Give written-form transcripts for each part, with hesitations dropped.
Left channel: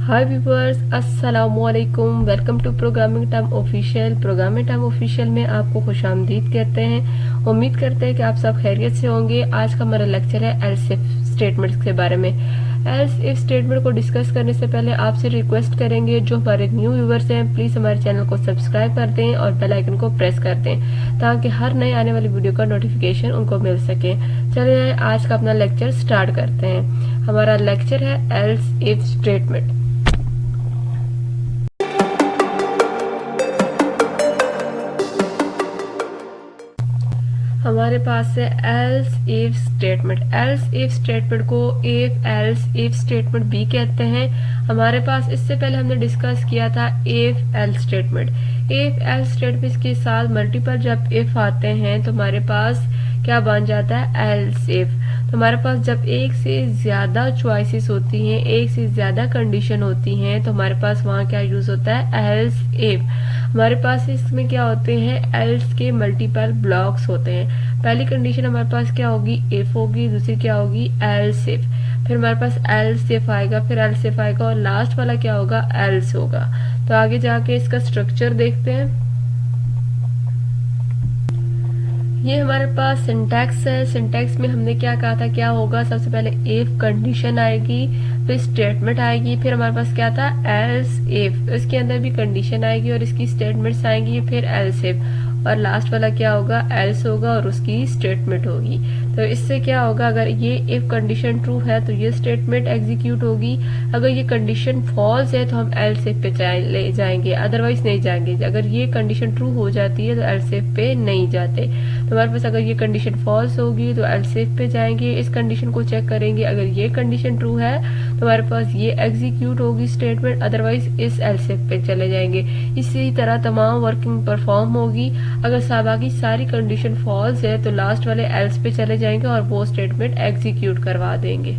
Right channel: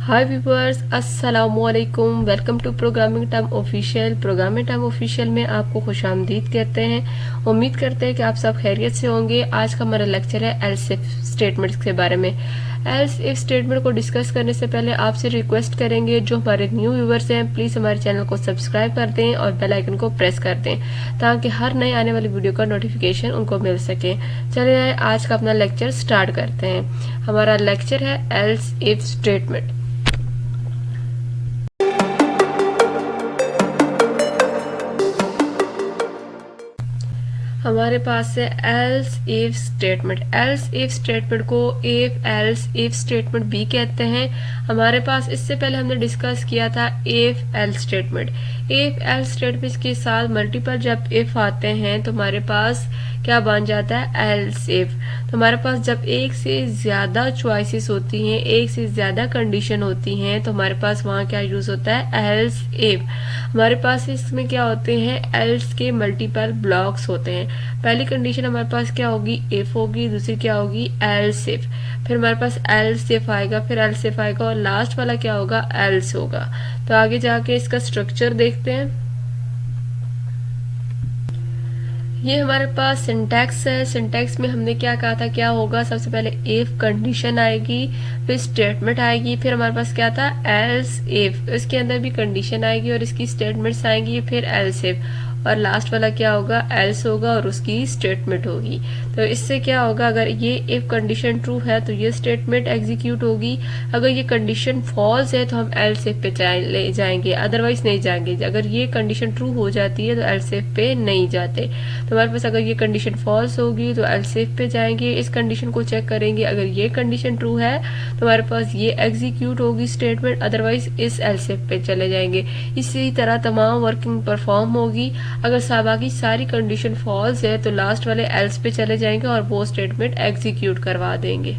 हाय viewers, अस्सलामुअलैकुम। Welcome to programming time official. Programming time official में आपको खुशामदीद कहते हैं। उम्मीद करते हैं कि आप सब खैरियत से होंगे। आज का हमारा लेक्चर है एल्स इफ स्टेटमेंट्स के बारे में। एल्स इफ स्टेटमेंट को डिस्कस करने से पहले आपसे रिक्वेस्ट करेंगे, जो हमारे न्यू व्यूवर्स हैं प्लीज़ हमारे चैनल को सब्सक्राइब कर दें और बेल आइकन को प्रेस कर दें ताकि हर नए आने वाली वीडियो का नोटिफिकेशन उनको मिल सके। चलिए आज का अपना लेक्चर स्टार्ट करते हैं। हमारा लेक्चर है एल्स इफ स्टेटमेंट। हमारे पास है else if statement. Else if statement को इफ एल्स इफ स्टेटमेंट भी कहते हैं। हमारे पास इससे पहले हमने डिस्कस किया था if else statement. If else statement के साथ मल्टीपल जब इफ आते हैं तो हमारे पास क्या बन जाता है, एल्स इफ। तो हमारे पास जब एक से ज्यादा चॉइसेस होती हैं, एक से ज्यादा कंडीशन होती हैं, तो हमारे पास वहाँ क्या यूज होता है, एल्स इफ। हमारे पास इसमें क्या होते हैं, एल्स के मल्टीपल ब्लॉक्स होते हैं। पहली कंडीशन हमारे पास क्या होगी, इफ होगी, दूसरी क्या होगी, एल्स इफ। फिर हमारे पास एल्स इफ आएगा, फिर एल्स इफ आएगा और लास्ट वाला क्या होगा, एल्स होगा। तो आगे जाके इसका स्ट्रक्चर देखते हैं। ये हमारे पास सिंटैक्स है। सिंटैक्स में हमने क्या कहा था, क्या होगा, सबसे पहले इफ कंडीशन आएगी, फिर स्टेटमेंट आएगी, फिर हमारे पास क्या था, एल्स इफ। इसके अंदर भी कंडीशन आएगी और इसकी स्टेटमेंट्स आएंगी, फिर एल्स इफ, और लास्ट वाला क्या होगा, एल्स होगा और उसकी स्टेटमेंट होगी। तो इससे क्या होगा, अगर ये इफ कंडीशन ट्रू है तो ये स्टेटमेंट एग्जीक्यूट होगी। अगर ये कंडीशन फॉल्स है तो हम एल्स इफ पे ले जाएंगे, अदरवाइज नहीं जाएंगे। अगर ये कंडीशन ट्रू हो जाती है तो एल्स इफ पे नहीं जाते। तो हमारे पास अगर ये कंडीशन फॉल्स होगी तो एल्स इफ पे जाएंगे, इस कंडीशन को चेक करेंगे। अगर ये कंडीशन ट्रू है तो हमारे पास ये एग्जीक्यूट होगी स्टेटमेंट, अदरवाइज इस एल्स इफ पे चले जाएंगे। इसी तरह तमाम वर्किंग परफॉर्म होगी। अगर बाकी सारी कंडीशन फॉल्स है तो लास्ट वाले एल्स पे चले जाएंगे और वो स्टेटमेंट एग्जीक्यूट करवा देंगे।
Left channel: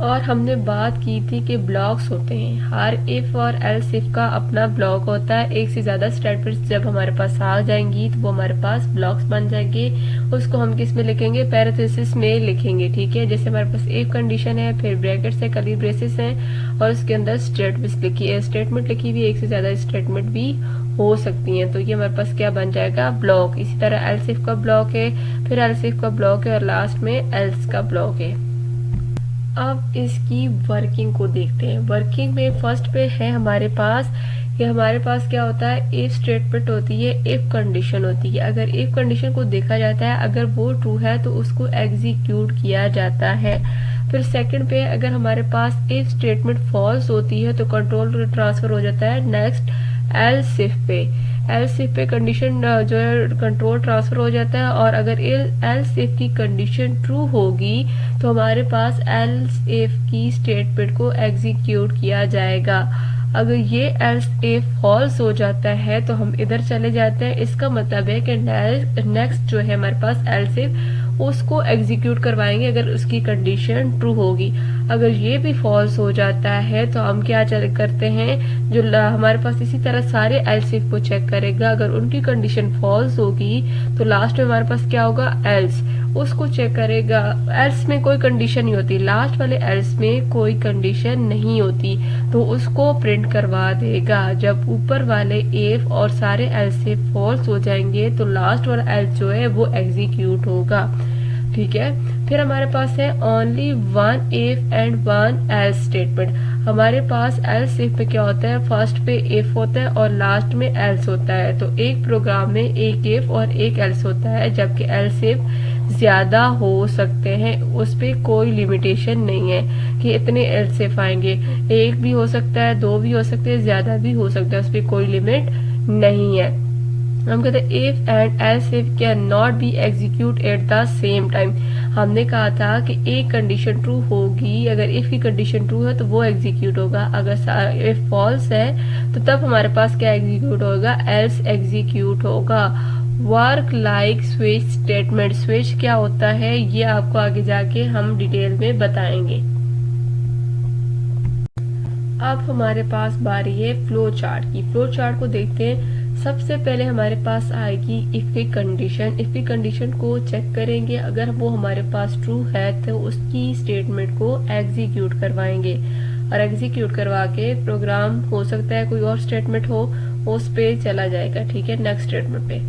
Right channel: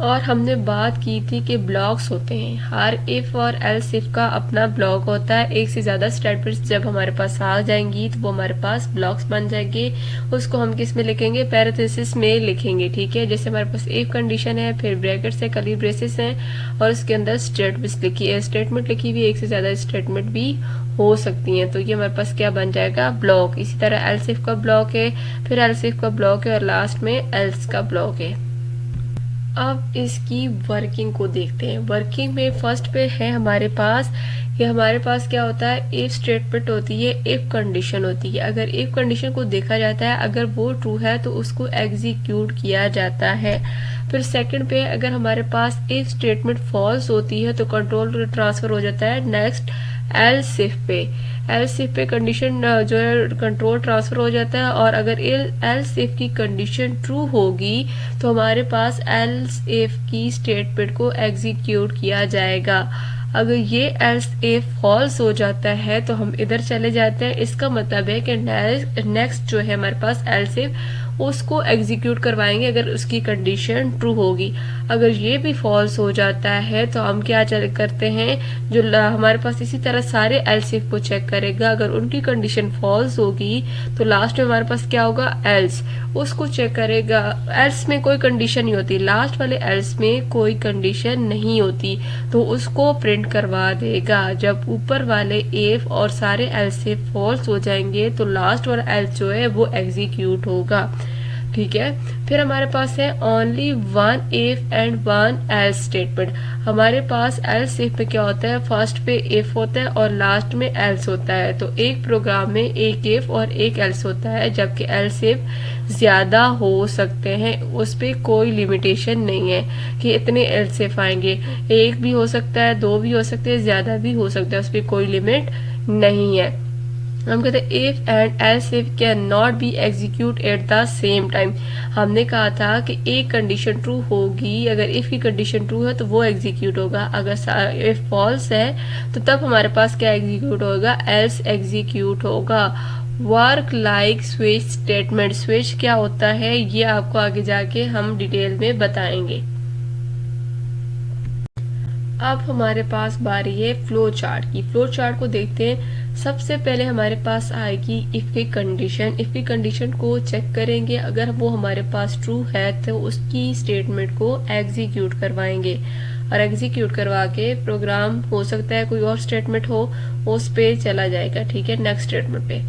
और हमने बात की थी कि ब्लॉक्स होते हैं, हर इफ और एल्स इफ का अपना ब्लॉक होता है। एक से ज्यादा स्टेटमेंट्स जब हमारे पास आ जाएंगी तो वो हमारे पास ब्लॉक्स बन जाएंगे। उसको हम किस में लिखेंगे, पैरेंथेसिस में लिखेंगे। ठीक है, जैसे हमारे पास इफ कंडीशन है, फिर ब्रैकेट्स है, कर्ली ब्रेसेस है और उसके अंदर स्टेटमेंट लिखी हुई, एक से ज्यादा स्टेटमेंट भी हो सकती हैं। तो ये हमारे पास क्या बन जाएगा, ब्लॉक। इसी तरह एल्स इफ का ब्लॉक है, फिर एल्स इफ का ब्लॉक है और लास्ट में एल्स का ब्लॉक है। अब इसकी वर्किंग को देखते हैं। वर्किंग में फर्स्ट पे है हमारे पास कि हमारे पास क्या होता है, इफ स्टेटमेंट होती है, इफ कंडीशन होती है। अगर इफ कंडीशन को देखा जाता है, अगर वो ट्रू है तो उसको एग्जीक्यूट किया जाता है। फिर सेकंड पे अगर हमारे पास इफ स्टेटमेंट फॉल्स होती है तो कंट्रोल ट्रांसफर हो जाता है नेक्स्ट एल्स इफ पे। एल्स इफ पे कंडीशन जो है कंट्रोल ट्रांसफर हो जाता है, और अगर एल्स इफ की कंडीशन ट्रू होगी तो हमारे पास एल्स इफ की स्टेटमेंट को एग्जीक्यूट किया जाएगा। अगर ये एल्स इफ फॉल्स हो जाता है तो हम इधर चले जाते हैं। इसका मतलब है कि नेक्स्ट जो है हमारे पास एल्स इफ, उसको एग्जीक्यूट करवाएंगे अगर उसकी कंडीशन ट्रू होगी। अगर ये भी फॉल्स हो जाता है तो हम क्या करते हैं, जो हमारे पास इसी तरह सारे एल्स इफ को चेक करेगा। अगर उनकी कंडीशन फॉल्स होगी तो लास्ट में हमारे पास क्या होगा, एल्स, उसको चेक करेगा। एल्स में कोई कंडीशन नहीं होती, लास्ट वाले एल्स में कोई कंडीशन नहीं होती तो उसको प्रिंट करवा देगा। जब ऊपर वाले इफ और सारे एल्स इफ फॉल्स हो जाएंगे तो लास्ट वाला एल्स जो है वो एग्जीक्यूट होगा। ठीक है, फिर हमारे पास है only one if and one else statement. हमारे पास एल्स इफ पे क्या होता है, फर्स्ट पे इफ होता है और लास्ट में एल्स होता है। तो एक प्रोग्राम में एक इफ और एक एल्स होता है, जबकि एल्स इफ ज्यादा हो सकते हैं, उस पे कोई लिमिटेशन नहीं है कि इतने एल्स इफ आएंगे। एक भी हो सकता है, दो भी हो सकते हैं, ज्यादा भी हो सकता है, उस पर कोई लिमिट नहीं है। हम कहते हैं if and else if can not be execute at the same time. हमने कहा था कि एक कंडीशन ट्रू होगी, अगर इफ की कंडीशन ट्रू है तो वो एग्जीक्यूट होगा। अगर इफ फॉल्स है तो तब हमारे पास क्या एग्जीक्यूट होगा, एल्स एग्जीक्यूट होगा। Work like switch statement. Switch क्या होता है ये आपको आगे जाके हम डिटेल में बताएंगे। अब हमारे पास बारी है फ्लो चार्ट की। फ्लो चार्ट को देखते हैं। सबसे पहले हमारे पास आएगी इफ की कंडीशन। इफ की कंडीशन को चेक करेंगे, अगर वो हमारे पास ट्रू है तो उसकी स्टेटमेंट को एग्जीक्यूट करवाएंगे, और एग्जीक्यूट करवा के प्रोग्राम हो सकता है कोई और स्टेटमेंट हो, उस पे चला जाएगा। ठीक है, नेक्स्ट स्टेटमेंट पे।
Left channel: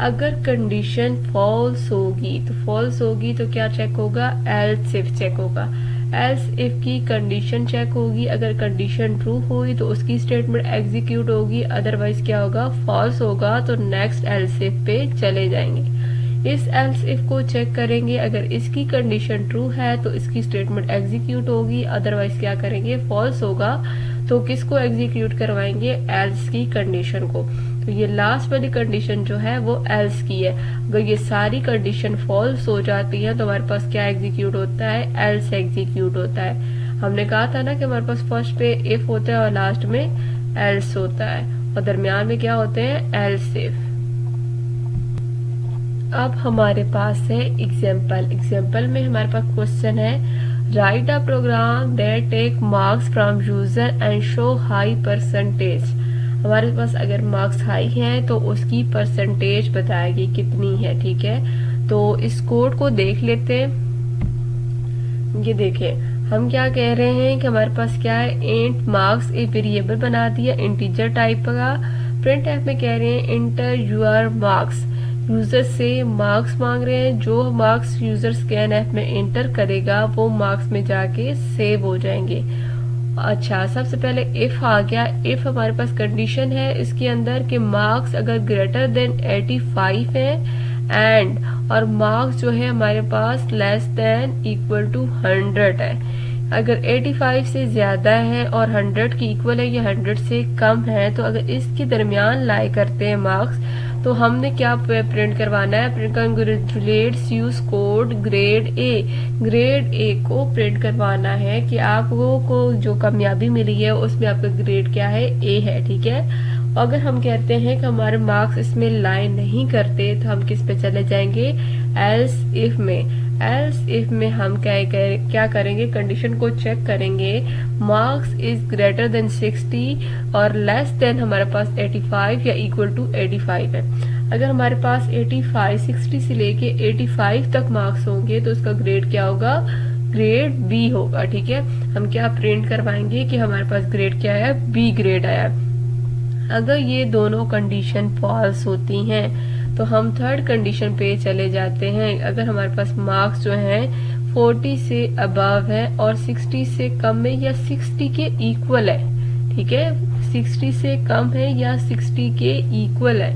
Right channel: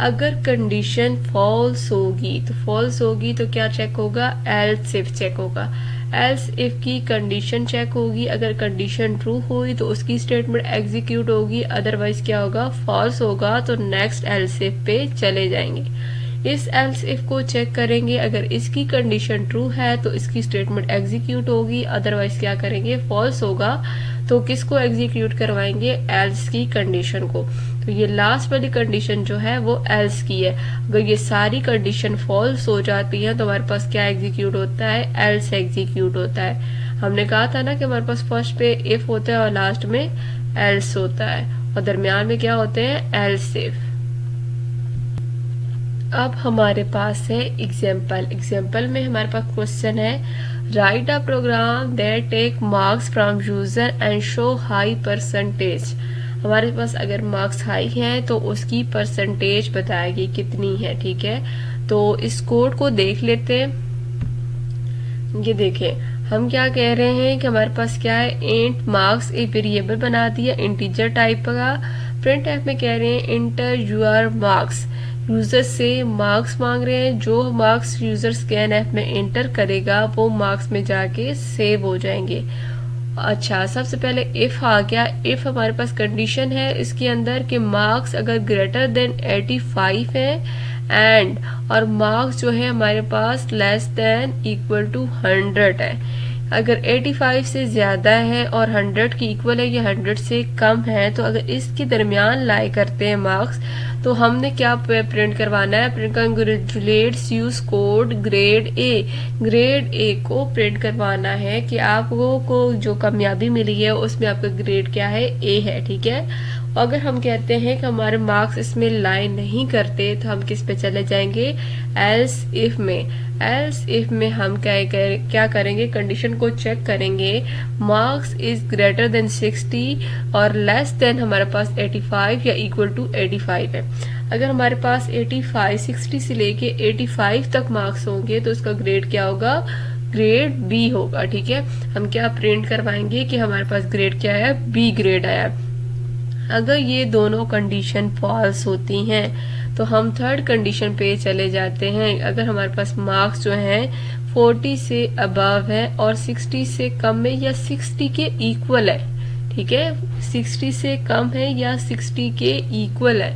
अगर कंडीशन फॉल्स होगी तो क्या चेक होगा, एल्स इफ चेक होगा। एल्स इफ की कंडीशन चेक होगी, अगर कंडीशन ट्रू हुई तो उसकी स्टेटमेंट एग्जीक्यूट होगी, अदरवाइज क्या होगा, फॉल्स होगा तो नेक्स्ट एल्स इफ पे चले जाएंगे। इस एल्स इफ को चेक करेंगे, अगर इसकी कंडीशन ट्रू है तो इसकी स्टेटमेंट एग्जीक्यूट होगी, अदरवाइज क्या करेंगे, फॉल्स होगा। तो किसको एग्जीक्यूट करवाएंगे, एल्स की कंडीशन को। तो ये लास्ट वाली कंडीशन जो है वो एल्स की है। अगर ये सारी कंडीशन फॉल्स हो जाती है तो हमारे पास क्या एग्जीक्यूट होता है, एल्स एग्जीक्यूट होता है। हमने कहा था ना कि हमारे पास फर्स्ट पे इफ होता है और लास्ट में एल्स होता है, और दरमियान में क्या होते हैं, एल्स इफ। अब हमारे पास है एग्जाम्पल। एग्जाम्पल में हमारे पास क्वेश्चन है, write a program that take marks from user and show high percentage. हमारे पास अगर मार्क्स हाई हैं तो उसकी परसेंटेज बताएगी कितनी है। ठीक है, तो इस कोड को देख लेते हैं। ये देखें, हम क्या कह रहे हैं कि हमारे पास क्या है, इंट मार्क्स एक वेरिएबल बना दिया इंटीजर टाइप का। प्रिंट एफ में कह रहे हैं इंटर यूर मार्क्स, यूजर से मार्क्स मांग रहे हैं। जो मार्क्स यूजर स्कैन ऐप में एंटर करेगा वो मार्क्स में जाके सेव हो जाएंगे। अच्छा, सबसे पहले इफ आ गया। इफ हमारे पास कंडीशन है इसके अंदर कि मार्क्स अगर ग्रेटर देन 85 है एंड, और मार्क्स जो है हमारे पास लेस देन इक्वल टू 100 है। अगर 85 से ज्यादा है और 100 की इक्वल है या 100 से कम है, तो अगर इसके दरमियान लाई करते हैं मार्क्स, तो हमने क्या प्रिंट करवाना है, print congratulates use code grade A. Grade A को प्रिंट करवाना है कि आपको को जो कामयाबी मिली है उसमें आपका ग्रेड क्या है, ए है। ठीक है, अगर हम कहते हैं कि हमारे मार्क्स इसमें लाई नहीं करते तो हम किस पे चले जाएंगे, एल्स इफ में। एल्स इफ में हम क्या करेंगे, कंडीशन को चेक करेंगे, मार्क्स इज ग्रेटर देन 60 और लेस देन हमारे पास 85 या इक्वल टू 85 है। अगर हमारे पास 85 60 से लेके 85 तक मार्क्स होंगे तो उसका ग्रेड क्या होगा, ग्रेड बी होगा। ठीक है, हम क्या प्रिंट करवाएंगे कि हमारे पास ग्रेड क्या है, बी ग्रेड आया। अगर ये दोनों कंडीशन फॉल्स होती हैं तो हम थर्ड कंडीशन पे चले जाते हैं। अगर हमारे पास मार्क्स जो हैं 40 से अबव है और 60 से कम है या 60 के इक्वल है, ठीक है, 60 से कम है या 60 के इक्वल है,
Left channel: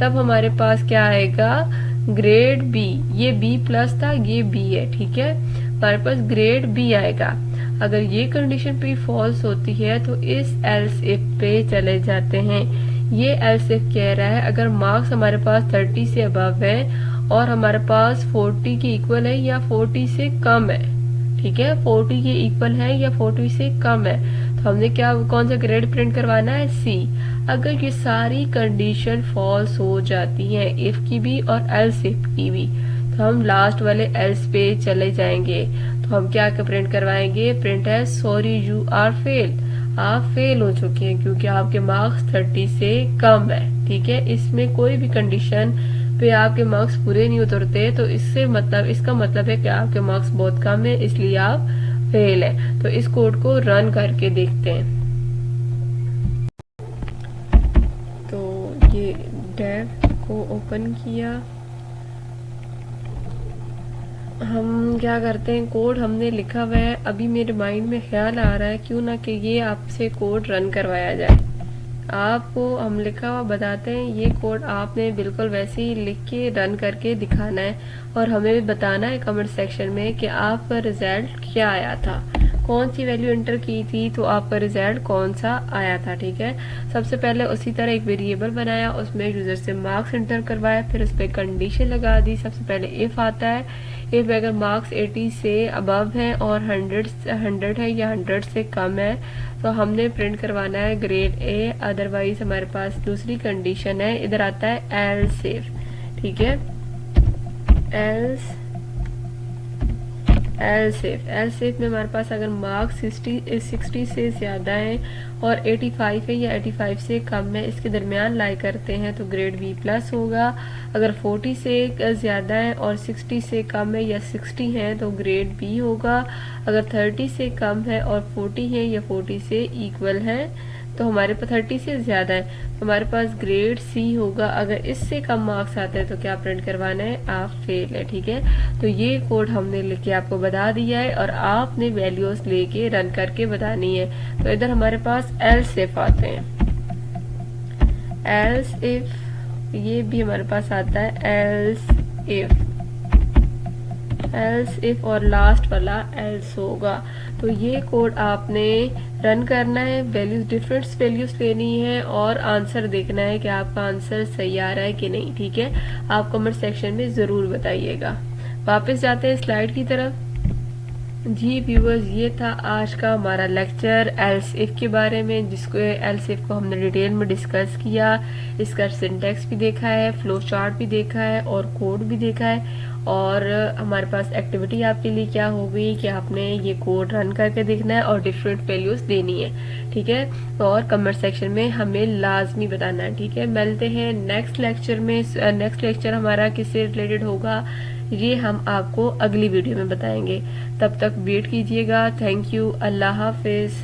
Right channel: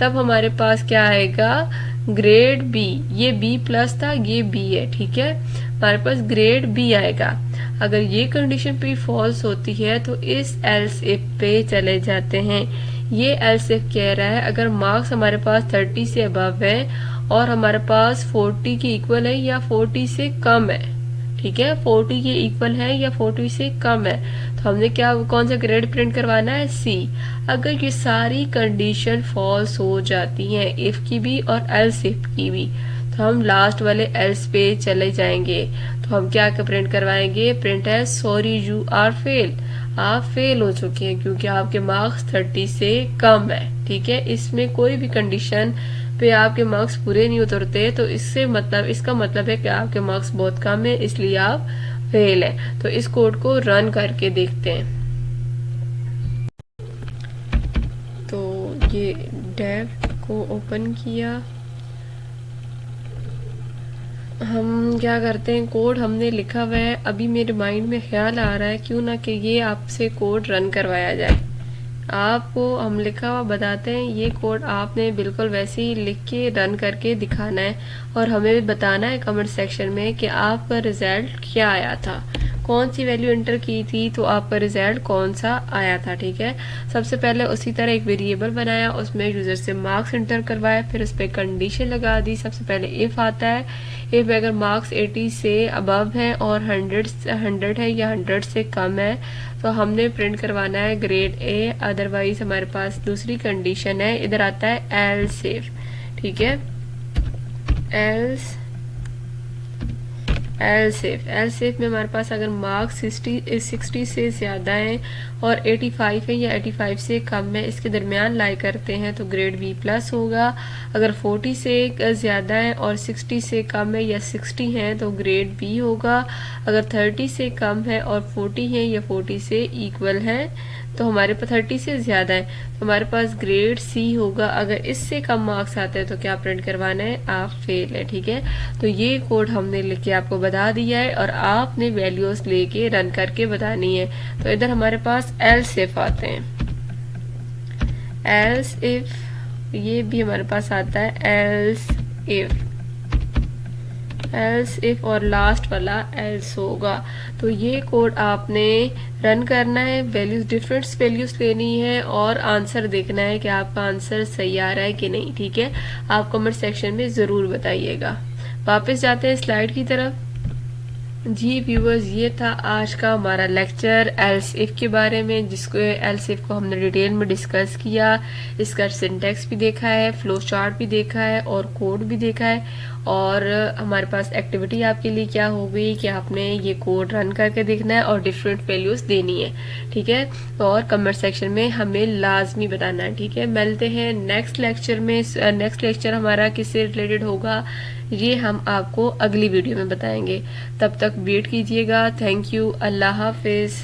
तब हमारे पास क्या आएगा, ग्रेड बी। ये बी प्लस था, ये बी है। ठीक है, हमारे पास ग्रेड बी आएगा। अगर ये कंडीशन पे फॉल्स होती है तो इस एल्स इफ पे चले जाते हैं। ये एल्स इफ कह रहा है अगर मार्क्स हमारे पास 30 से अबव है और हमारे पास 40 के इक्वल है या 40 से कम है, ठीक है, 40 के इक्वल है या 40 से कम है, तो हमने क्या कौन सा ग्रेड प्रिंट करवाना है, सी। अगर ये सारी कंडीशन फॉल्स हो जाती हैं, इफ की भी और एल्स इफ की भी, तो हम लास्ट वाले एल्स पे चले जाएंगे। तो हम क्या प्रिंट करवाएंगे, प्रिंट है सॉरी यू आर फेल, आप फेल हो चुके हैं क्योंकि आपके मार्क्स 30 से कम है। ठीक है, इसमें कोई भी कंडीशन पे आपके मार्क्स पूरे नहीं उतरते तो इसका मतलब है कि आपके मार्क्स बहुत कम है, इसलिए आप फेल है। तो इस कोड को रन करके देखते हैं। तो ये डेव को ओपन किया, हम क्या करते हैं, कोड हमने लिखा हुआ है। अभी मेरे माइंड में ख्याल आ रहा है क्यों ना कि ये आपसे कोड रन करवाया जाए। आपको हम लिखा हुआ बताते हैं, ये कोड आपने बिल्कुल वैसे ही लिख के रन करके दिखाना है और हमें भी बताना है कमेंट सेक्शन में कि आपका रिजल्ट क्या आया था, कौन सी वैल्यू एंटर की थी तो आपका रिजल्ट कौन सा आया था। ठीक है, सबसे पहले उसी तरह एक वेरिएबल बनाया, उसमें यूजर से मार्क्स एंटर करवाया, फिर उस पर कंडीशन लगा दी। सबसे पहले इफ आता है, इफ अगर मार्क्स 80 से अबव है और 100 है या 100 से कम है तो हमने प्रिंट करवाना है ग्रेड ए, अदरवाइज हमारे पास दूसरी कंडीशन है, इधर आता है एल्स इफ। ठीक है, एल्स एल सेफ में हमारे पास अगर मार्क्स 60 से ज़्यादा हैं और 85 है या 85 से कम है, इसके दरमियान लाई करते हैं तो ग्रेड बी प्लस होगा। अगर 40 से ज़्यादा है और 60 से कम है या 60 है तो ग्रेड बी होगा। अगर 30 से कम है और 40 है या 40 से इक्वल है तो हमारे पास 30 से ज़्यादा है तो हमारे पास ग्रेड सी होगा। अगर इससे कम मार्क्स आते हैं तो क्या प्रिंट करवाना है, आप फेल है। ठीक है, तो ये कोड हमने लिख के आपको बता दिया है और आपने वैल्यूज लेके रन करके बतानी है। तो इधर हमारे पास एल्स इफ आते हैं, एल्स इफ ये भी हमारे पास आता है एल्स इफ और लास्ट वाला एल्स होगा। तो ये कोड आपने रन करना है, वैल्यूज डिफरेंट वैल्यूज लेनी है और आंसर देखना है कि आपका आंसर सही आ रहा है कि नहीं। ठीक है, आप कमेंट सेक्शन में ज़रूर बताइएगा। वापस जाते हैं स्लाइड की तरफ। जी व्यूवर्स, ये था आज का हमारा लेक्चर एल्स इफ के बारे में, जिसको एल्स इफ को हमने डिटेल में डिस्कस किया। इसका सिंटैक्स भी देखा है, फ्लो चार्ट भी देखा है और कोड भी देखा है। और हमारे पास एक्टिविटी आपके लिए क्या होगी कि आपने ये कोड रन करके देखना है और डिफरेंट वैल्यूज देनी है। ठीक है, और कमेंट सेक्शन में हमें लाजमी बताना है। ठीक है, मिलते हैं नेक्स्ट लेक्चर में। नेक्स्ट लेक्चर हमारा किससे रिलेटेड होगा ये हम आपको अगली वीडियो में बताएंगे। तब तक वेट कीजिएगा। थैंक यू, अल्लाह हाफिज़।